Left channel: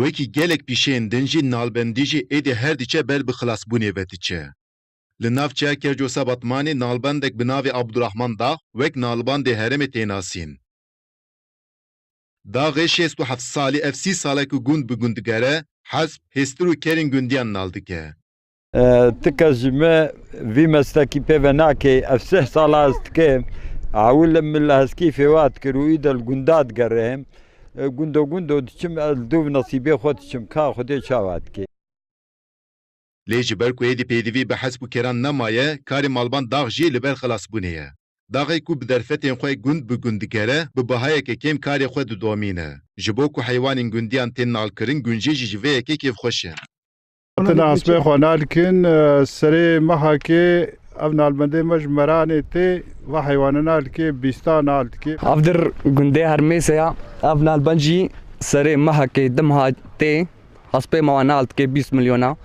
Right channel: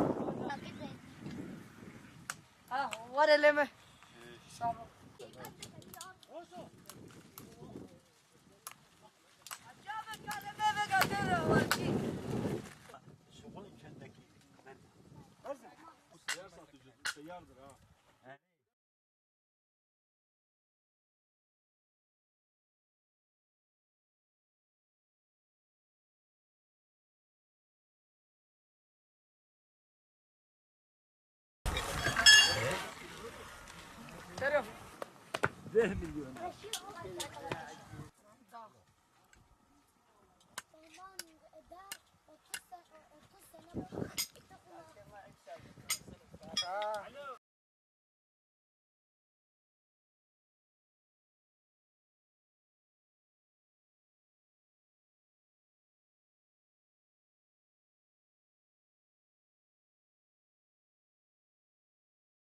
وکی گلک پیشین دنجی نالبندی جی ایدی هر دیچه بل بخلاص بونی بتیچه. لناف چه کرجوسا بطمانی نالبندک بناوی عبدالرحمن دا وک نالبند هرم تیناسین. دا غیشی استو 7 سالی اف 30 ساله که گوند بگوند گره حسب هسترو کرین گوندیان نالدکه. تكزمة في مستكي بيفناكي أفسه صلاست كي عول من الهسكي في وقت كرويد الجندات قرهم جندو تشم الدوب نصيبي خود تشم كا خودي شاوات كي لیجی برکو ایدی پیدوی به حسب کران نمایه کاری مالبان داغ جی لبر خلاص بونیه. داغی کو بدرفتین خوی گوند بگوند گره به بهای که کم کاری خود دومینه. جبو کو حیوان گوندیان تین نال کرن گونجی جوه که کیف خوشه. تناس بخوانال كن سري محاكي ابن البندي مجمراني تي وحيواننا الكي بيستان الكي افدر گنده هرميسيا ابن البنجي سري محاكي دمها تي حسب موانالت كي 20 مليون